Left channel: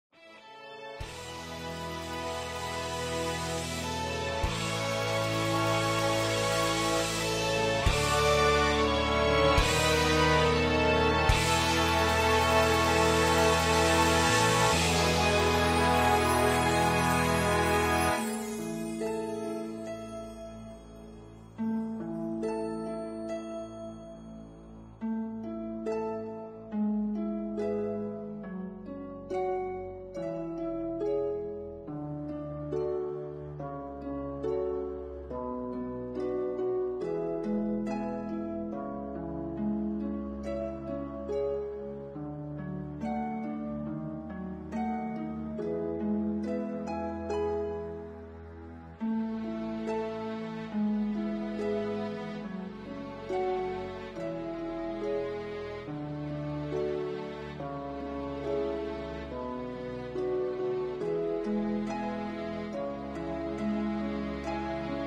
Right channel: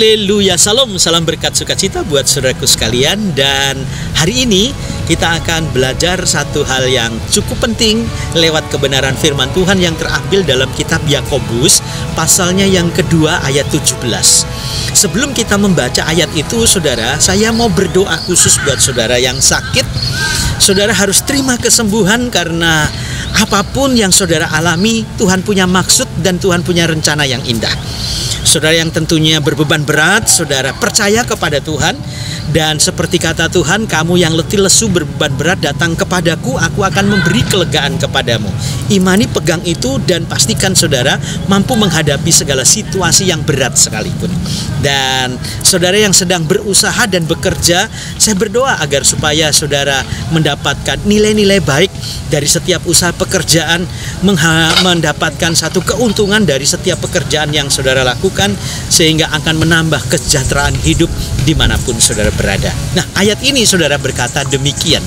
Haleluya, salam berkat sukacita buat saudaraku sekalian. Dan hari ini kita akan belajar satu hal yang cukup penting lewat kebenaran firman Tuhan yang terambil dalam kitab Yakobus, pasalnya yang kedua ayat 17. Sebelum kita membaca ayat itu, saudara, saya mau berdoa khusus buat saudara yang sakit. Saudara harus terima kesembuhan karena apapun yang saudara alami, Tuhan punya maksud dan Tuhan punya rencana yang indah. Saudara yang tentunya berbeban berat, saudara percaya kepada Tuhan. Dan seperti kata Tuhan, kamu yang letih lesu berbeban berat datang kepadaku, aku akan memberi kelegaan kepadamu. Imani, pegang itu, dan pastikan saudara mampu menghadapi segala situasi yang berat sekalipun. Dan saudara yang sedang berusaha dan bekerja, saya berdoa agar supaya saudara mendapatkan nilai-nilai baik dari setiap usaha pekerjaan, mendapatkan satu keuntungan dari setiap pekerjaan yang saudara lakukan, sehingga akan menambah kesejahteraan hidup dimanapun saudara berada. Nah, ayat ini saudara berkata demikian.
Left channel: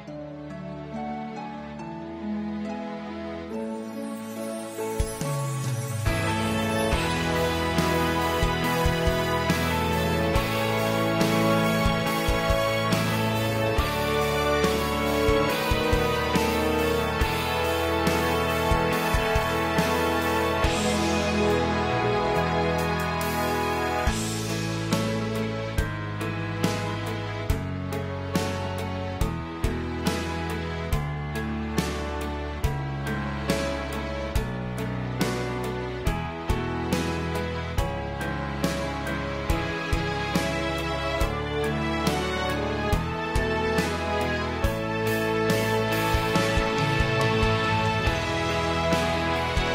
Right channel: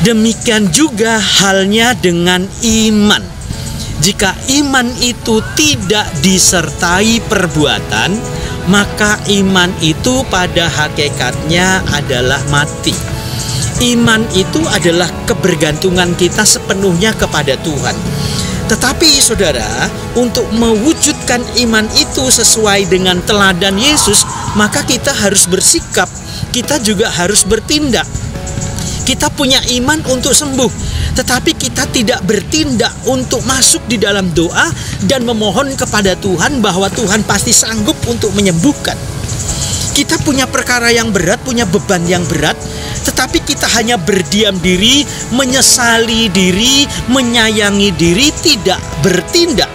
Demikian juga halnya dengan iman. Jika iman itu tidak disertai perbuatan, maka iman itu pada hakikatnya adalah mati. Iman itu adalah kebergantungan kita sepenuhnya kepada Tuhan. Tetapi saudara, untuk mewujudkan iman itu sesuai dengan teladan Yesus, maka kita harus bersikap, kita juga harus bertindak. Kita punya iman untuk sembuh, tetapi kita tidak bertindak untuk masuk di dalam doa dan memohon kepada Tuhan bahwa Tuhan pasti sanggup untuk menyembuhkan. Kita punya perkara yang berat, punya beban yang berat, tetapi kita hanya berdiam diri, menyesali diri, menyayangi diri, tidak bertindak,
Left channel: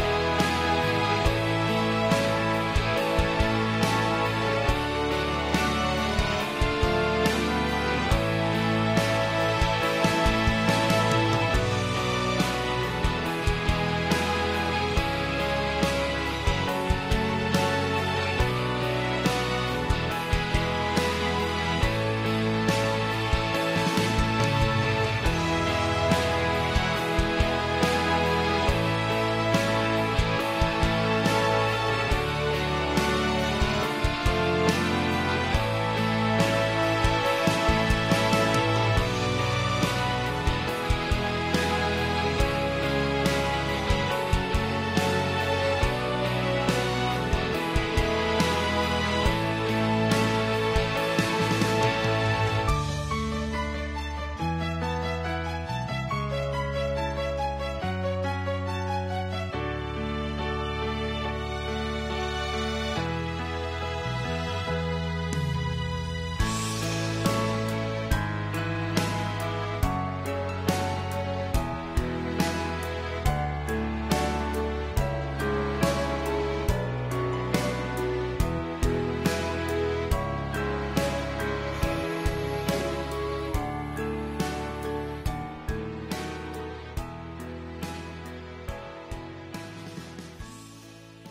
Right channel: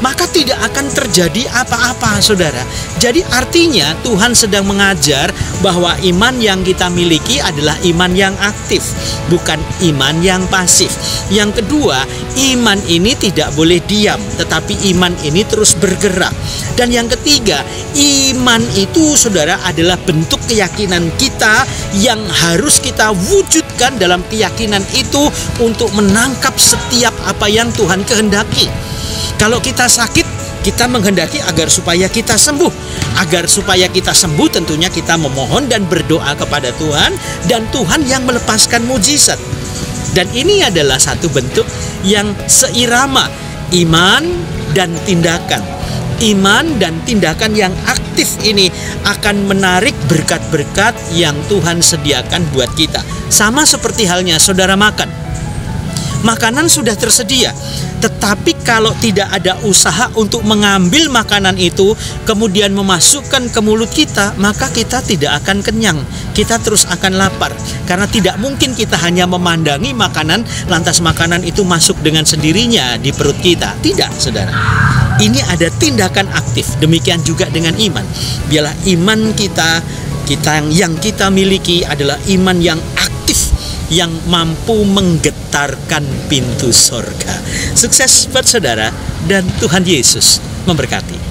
maka tidak akan terjadi apa-apa, saudara. Jadi artinya Tuhan sedang mengajar bahwa iman yang kita miliki adalah iman yang aktif, bukan iman yang pasif. Yang kedua, iman ini tidak boleh diam, tetapi iman ini terus bergerak. Dan yang ketiga, iman itu saudara adalah bentuk keyakinan kita yang harus kita wujudkan dalam keyakinan itu untuk menangkap setiap apa yang Tuhan kehendaki. Kalau kita sakit, kita menghendaki agar supaya kita sembuh. Agar supaya kita sembuh, tentunya kita memohon dan berdoa kepada Tuhan, dan Tuhan yang melepaskan mujizat. Dan ini adalah satu bentuk yang seirama, iman dan tindakan. Iman dan tindakan yang aktif ini akan menarik berkat-berkat yang Tuhan sediakan buat kita. Sama seperti halnya saudara makan. Makanan sudah tersedia, tetapi kalau tidak ada usaha untuk mengambil makanan itu, kemudian memasukkan ke mulut kita, maka kita tidak akan kenyang. Kita terus akan lapar, karena tidak mungkin kita hanya memandangi makanan, lantas makanan itu masuk dengan sendirinya di perut kita. Tidak, saudara. Ini ada tindakan aktif. Demikian juga dengan iman. Biarlah iman kita yang kita miliki adalah iman yang aktif, yang mampu menggetarkan pintu sorga. Sukses buat saudara, dan Tuhan Yesus memberkati.